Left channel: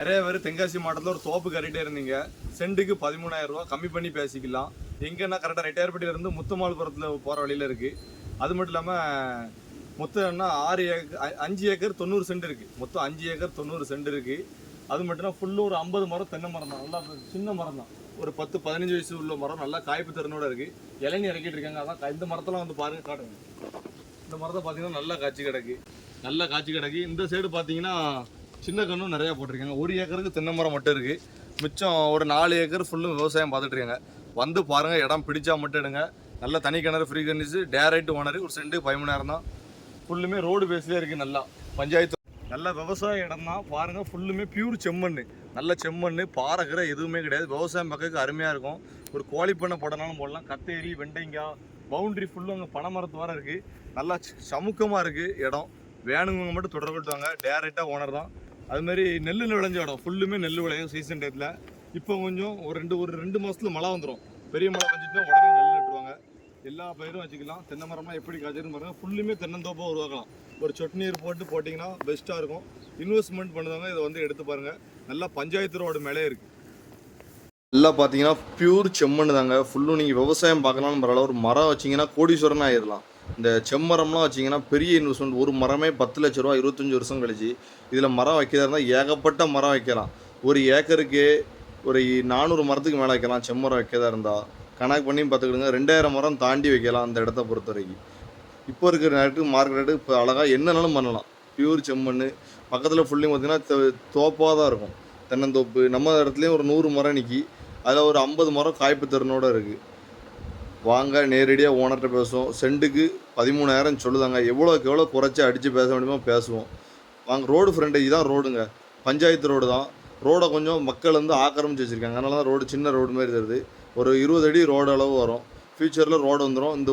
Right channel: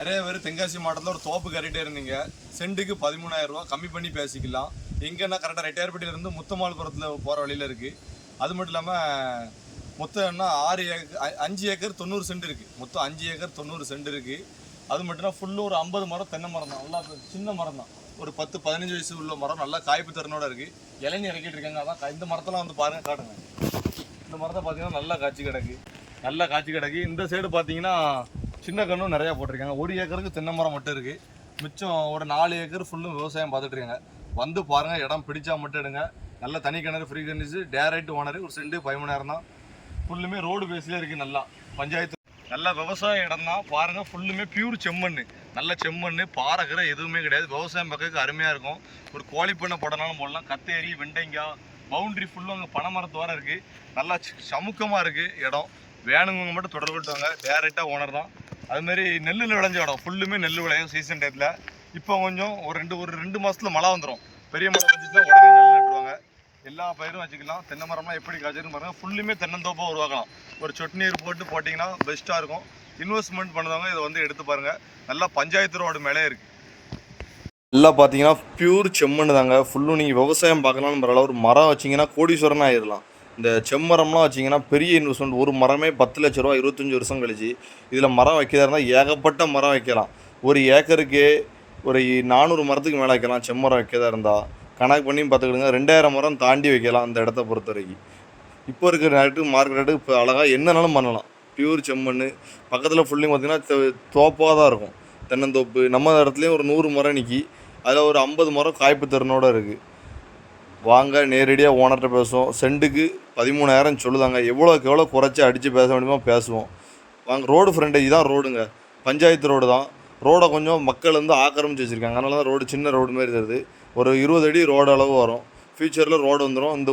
நிறைய பேர் தென்காசி மாவட்டத்தில் ஒரு தோப்பு கட்டிகிட்டே இருந்தீங்க. சென்ட்டுக்கு 13,000 ரூபா கம்மி பண்ணி பேசிக்கலாம். எங்கன்னா கரெக்டாக ரெட்டையார்பட்டியிலேருந்து முத்தமால்புரத்தில் போகிற வழியில் இருக்குது. அது மட்டும் இல்லாமல் மொத்தம் என்ன 5 ஏக்கர் 90 சென்ட் இருக்குது. மொத்தம் 5 ஏக்கர் 90 சென்ட் இருக்குது. அது மட்டும் ஃபுல்லு ஒரு 50 மரம் தென்னை மரம் தான். நல்லா சின்ன மரம் தான். ஒரு 10-15 வயசு உள்ள மரம் நல்லா காய்ப்பு திறனோட இருக்குது. இளநீ இறக்கிட்டு இருக்காங்க. அதான் இந்த மரத்தெல்லாம் வந்து பாருங்கள், காட்டுங்க. இந்த மரத்தை பார்த்தீங்கன்னா நல்லா காய்ச்சி கிடக்கு. இந்த சைடு பார்த்தீங்கன்னா சின்ன கன்றும் நிறையா போட்டிருக்காங்க. 1 ஏக்கருக்கு தென்னை மரம் மட்டும் இருக்குது. மிச்சம் ஒரு 4 ஏக்கர் ஃபுல்லும் விவசாயம் பார்த்துட்டு இருக்காங்க. வந்து பாருங்கள், இடம் பிடிச்சா மட்டும் எடுங்க. நல்ல தனி கிணறு, ஃப்ரீ கண்டிச்சு, டேரைட் ஓனர். ஒரு சென்ட் 13,000 தான். ஃபுல்லுமே ரோடு பேஸ்லேயே இருக்குது. நல்லா பஞ்சாயத்து நல்ல விவசாய இடம் தான். பாருங்கள், ஃபுல்லுமே பியூர் செம்மண். நல்ல செம்மண், பாறைகிற எதுவுமே கிடையாது. விவசாயம் பக்கத்துக்கு அருமையாக இருக்கும். ஒரு கோழி பண்ணை போடனாலும் போடலாம். கத்தேரி, வெண்டைங்காய், பவுண்ட்ரி ஃபுல்லும் அங்கே பனைமரத்து வர இருக்குது. நல்லா சமுக்கமாக இருக்குது இடம். வேணுங்க மட்டும் தொடர்புட்டுவாங்க. டேரெக்டாக ஓனர் தான். அதுமாரி நெல் விளைஞ்ச இடம். ஃபுல்லுமே நெல் விளையும் சீசன் டயத்தில். இப்போ கொஞ்சம் ஒரு ரெண்டு மாதத்தில் மழை வந்துடும். பெரிய மழை வந்துச்சுன்னா உடனே நெல் நட்டுருவாங்க. எல்லா பயிரும் வச்சுக்கலாம். தென்னை மரம்லாம் எப்படி காய்ச்சிருன்னு பாருங்கள். ஃபுல்லுமே தென்னந்தோப்பாக உருவாக்கலாம். ஒரு சொட்டு நீர் போட்டிங்கன்னா பெஸ்ட்டாக இருக்கும். இன்வெஸ்ட்மெண்ட் பண்ணுறவங்க இதை வந்து எடுத்து பாருங்கள். நல்லா பஞ்சாயத்து ரோடு மேலே இருக்குது. நல்லா பார்த்தீங்கன்னா பியூர் செம்மண் தாங்க. ஃபுல்லும் நீங்கள் விவசாயம் பார்க்கலாம்னு பரவாயில்ல. ஒரு மரம் வச்சிங்கன்னா கோடீஸ்வரன் ஆகிடலாம். இந்த செம்மரம்லாம் வச்சிங்கன்னா பெரிய இன்வெஸ்ட்மெண்ட். ஒரு மரமே 10 லட்ச ரூபா 25 வருஷம் கழிச்சு. இதில் மரம் வைக்கிறதா இருந்தால் ஏகப்பட்ட மரம் வைக்கலாம். ஒரு ஏக்கருக்கு ஒரு 400 மரத்துக்கு மேலே வைக்கலாம். செம்மரம் வைக்கிறதா இருந்தால் கணக்கு பண்ணி பார்த்துக்கிடுங்க. 2000 மரம் தாண்டி வைக்கலாம் அந்த இடத்த பொறுத்த வரைக்கும். இப்போ இருக்கிற ரேட்டுக்கு மார்க்கெட் ரேட்டுக்கு இப்போ அழகாக என்னன்னாலும் பண்ணலாம். பியூர் செம்மண். பக்கத்தில் ஃபுல்லையும் பார்த்திங்கன்னா தோப்பாக தான் இருக்கும். தென்னந்தோப்பு. நம்ம இடத்துலையும் ஒரு 100 மரம் நிற்கி. அதில் ஒரு 50 மரம் காய்ப்பு திறனோடு இருக்குது. வாங்க, நேரடியாக ஓனர்கிட்ட பேசுவோம். சென்ட்டுக்கு 13,000 சொல்லுதாங்க. எவ்வளோ குறைச்சி அடித்து பேச முடியுமோ பேசுவோம். வாங்க. ரோடு ஃப்ரண்டேஜ் தான் ரோடுங்க. பஞ்சாயத்து ரோடு தான். ரோடை கொஞ்சம் மக்கள் வந்து ஆக்கிரமிச்சு வச்சுருக்காங்க. அதனால தான் ரோடு சின்ன ரோடு மாதிரி தருது. ஒரு 20 அடி ரோடு அளவு வரும். ஃப்யூச்சரில் ரோடு வந்துடும். இந்த